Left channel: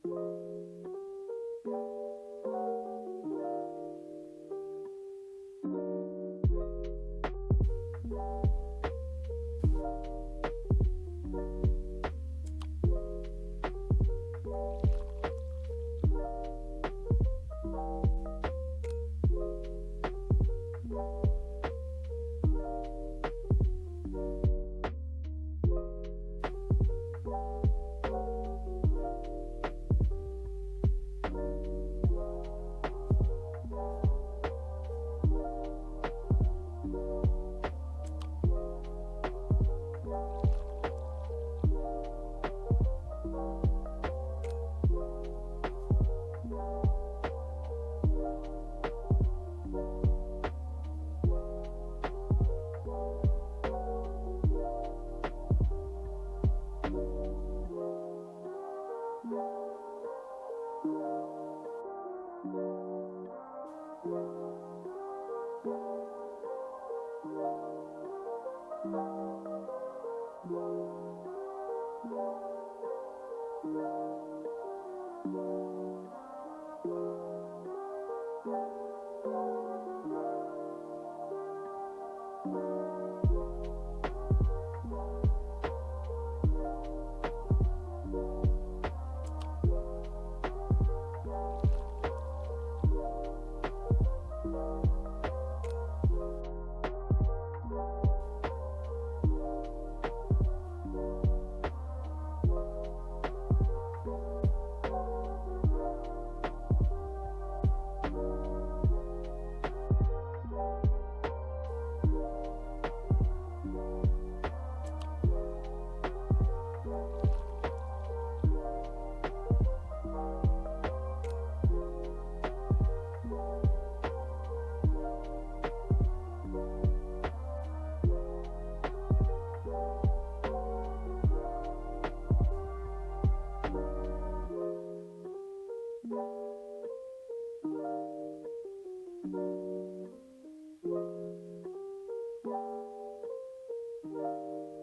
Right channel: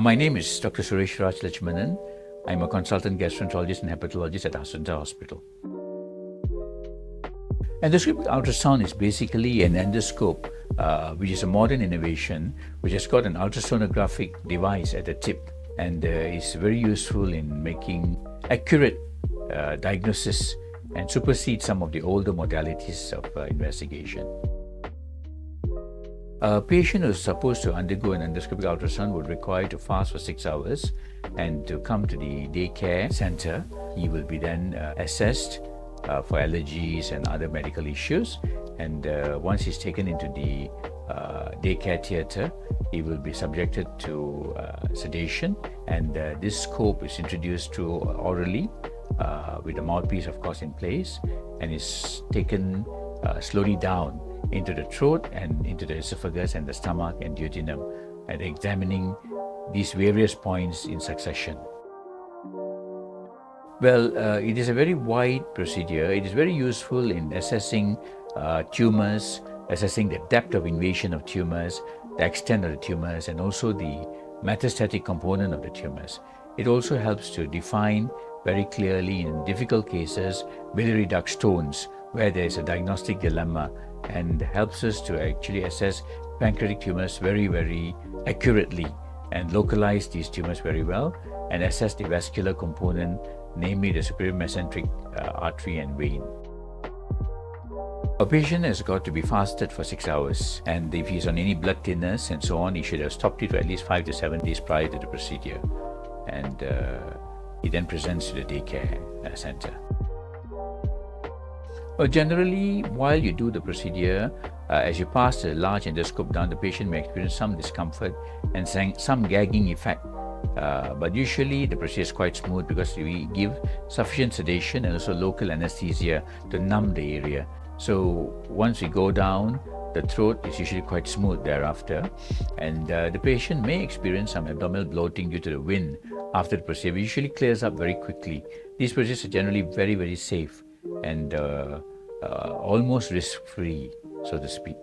My name is Dr. Suresh Lachmanan. I'm a consultant gastroenterologist and hepatologist at Assunta Hospital. Endoscopic ultrasound is basically an endoscope, which is a modern innovation, which has got an ultrasonographic device at the tip and is very useful in making accurate diagnosis and supersede some of the older modalities of investigation. A patient who is supposed to undergo an endoscopic ultrasound would require to fast for 6 hours and to come to the daycare center. He will be then assessed for allergies and other medical issues, and once he's taken into the daycare theater, he will be subjected to sedation, and this scope is introduced through orally with the mouthpiece of course in place, and is taken slowly down into the throat and into the esophagus and the stomach and duodenum, and examining these various points in succession. Well, it is a very wide procedure. It is very useful in assessing tumors, assessing the depth of invasion of tumors, the extent of the tumors, and also the metastatic component of the tumors. It also helps to define very clearly in difficult cases biliary duct stones where there is a diagnostic dilemma, and helps us to actually assess pancreatic tumors very, very accurately and localize these tumors very well and assess the vascular component, namely the superior mesenteric artery and vein. A patient has got to be fasted for 6 hours, and if he's on any blood thinners and so on, he should have stopped it for at least 5 to 7 days prior to the procedure, and he then presents to the daycare center. Well, generally, while you do the procedure, as you pass the large endoscope down, the patient may experience some discomfort and some gagging effect. But usually the procedure is quite smooth because we give sufficient sedation and also local anesthesia to numb the area. So once we go down, the throat is usually quite smooth thereafter, and the patient may experience some abdominal bloating due to the wind after the procedure. It usually clears up very quickly. These procedures are generally very, very safe and almost risk-free, so to speak.